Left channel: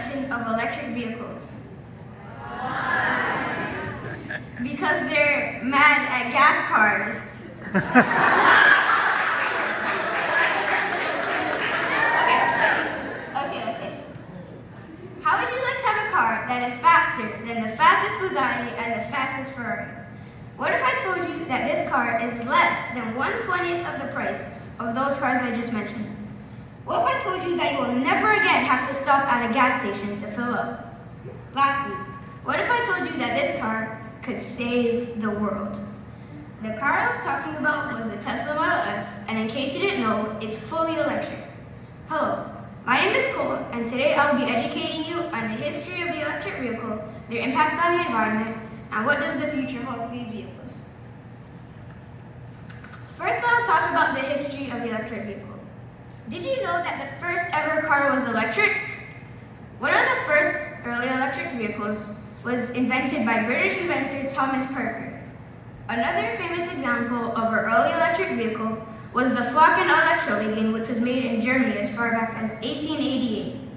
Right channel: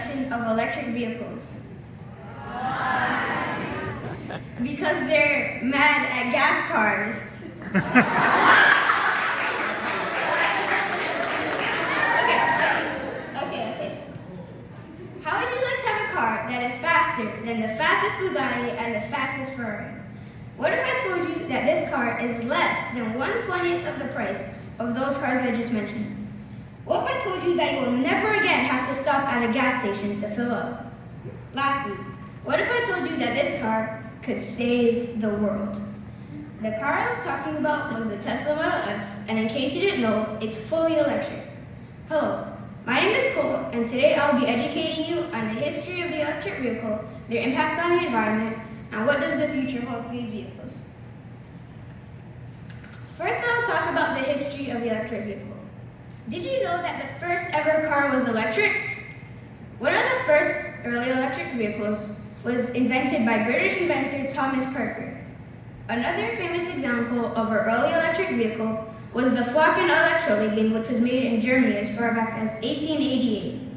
introduction of electric vehicles? Because they're mad at gas cars. Okay. How would you like to have a car that is faster than the fastest Bugatti and the fastest Ferrari? What if I told you that this car is less than 1/20th of the price of those cars I just mentioned? What if I told you that you will never again have to stop at a gas station to fill up? Lastly, what if I told you that this car could save the world? The car I was talking about was the Tesla Model S, and in case you didn't know, it's fully electric. Hello, my name is Cole, and today I'll be educating you on the history of the electric vehicle, their impact on the environment, and what does the future hold for these vehicles. First, I'll talk about the history of the electric vehicle. Did you know that the first ever car was electric? One of the first early electric vehicles was invented by British inventor Thomas Parker. Another famous example of an early electric vehicle was the Flocken Elektrowagen, which was made in Germany as far back as 1888.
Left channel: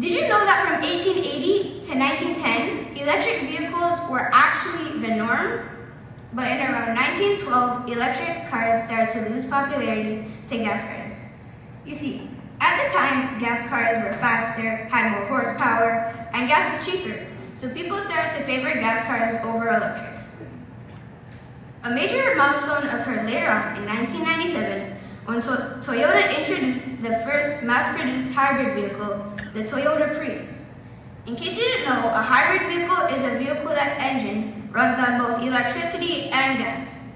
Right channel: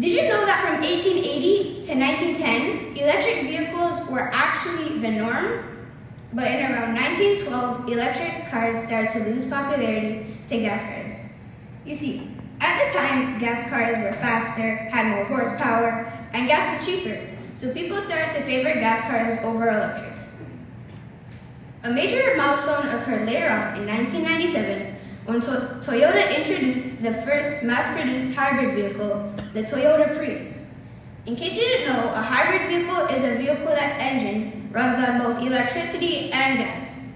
Did you know that from 1880 to 1910, electric vehicles were actually the norm? But in around 1912, electric cars started to lose popularity to gas cars. You see, at the time, gas cars were faster, had more horsepower, and gas was cheaper, so people started to favor gas cars over electric. A major milestone occurred later on in 1997 when Toyota introduced the first mass-produced hybrid vehicle, the Toyota Prius. In case you didn't know, a hybrid vehicle is a vehicle that's engine runs on both electricity and gas.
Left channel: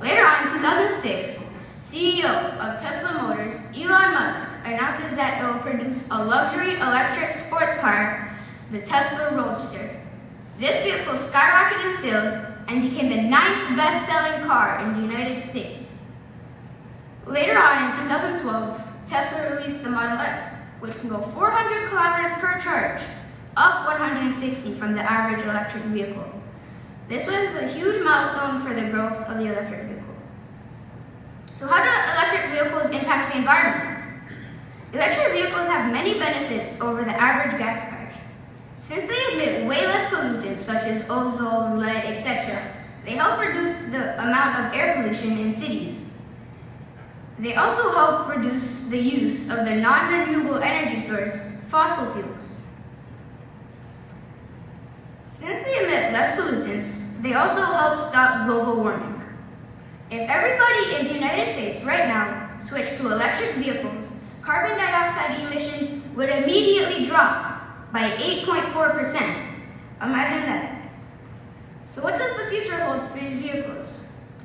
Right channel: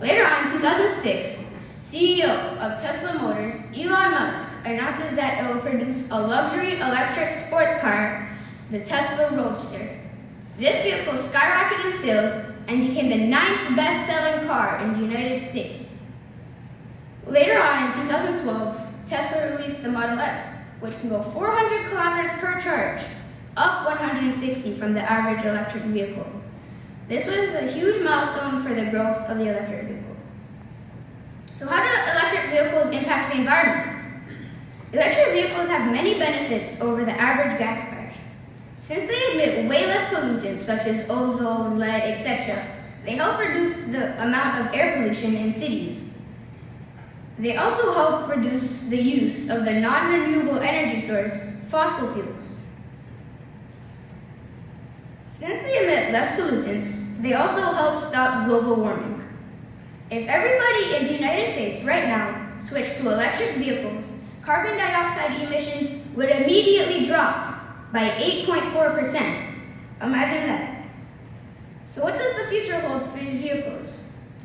Later on in 2006, CEO of Tesla Motors, Elon Musk, announces that it will produce a luxury electric sports car, the Tesla Roadster. This vehicle skyrocketed in sales and became the 9th best-selling car in the United States. Later on in 2012, Tesla released the Model S, which can go 400 kilometers per charge, up 160 from the average electric vehicle. This was a huge milestone for the growth of the electric vehicle. So how do electric vehicles impact the environment? Electric vehicles have many benefits over the average gas car. Since they emit way less pollutants such as ozone, lead, etc., they help reduce the amount of air pollution in cities. They also help reduce the use of the non-renewable energy source, fossil fuels. Since they emit less pollutants, they also help stop global warming. If everybody in the United States right now switched to electric vehicles, carbon dioxide emissions would immediately drop by 8.4%. Imagine that. So what does the future hold for these vehicles?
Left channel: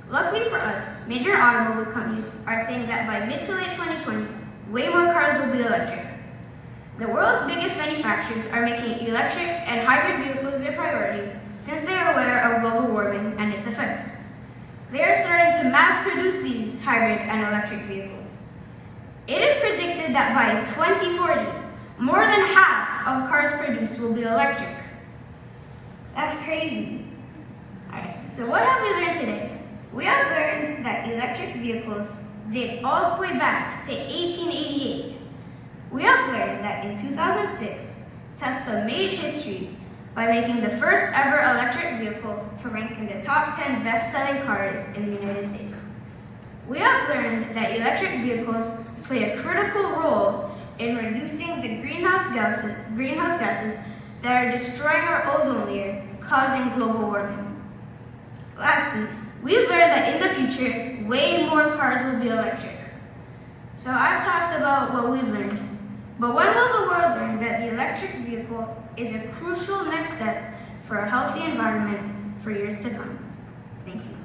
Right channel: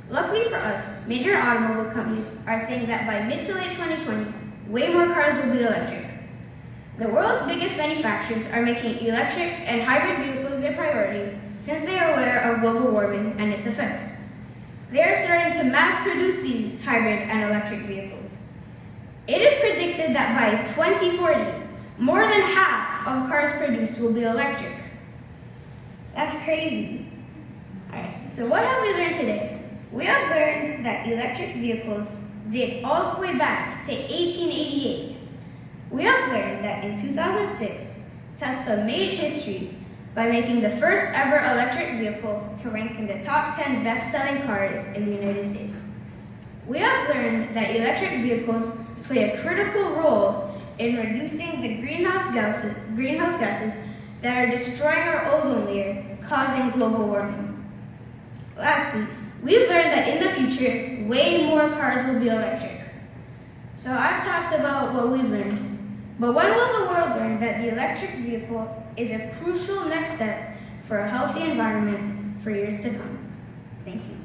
Luckily for us, major automobile companies are saying that by mid to late 2020, way more cars will be electric. The world's biggest manufacturers are making electric and hybrid vehicles their priority since they are aware of global warming and its effects. They are starting to mass produce these hybrid and electric vehicles. It is predicted that by 2040, more than half of cars produced will be electric. That's crazy. Alright, so what have we learned today? We have learned that electric vehicles date all the way back to 1888. We have learned that in 2006, Tesla made history by making the first ever electric vehicle to rank in the top 10 best-selling cars in the United States. We have learned that electric vehicles play a critical role in reducing the greenhouse gases that are destroying our ozone layer, causing global warming. Lastly, we've learned that in the future, way more cars will be electric. So I've talked about what we've learned, but when will the world learn that the electric vehicle is a crucial next step for a healthy environment for years to come? Thank you.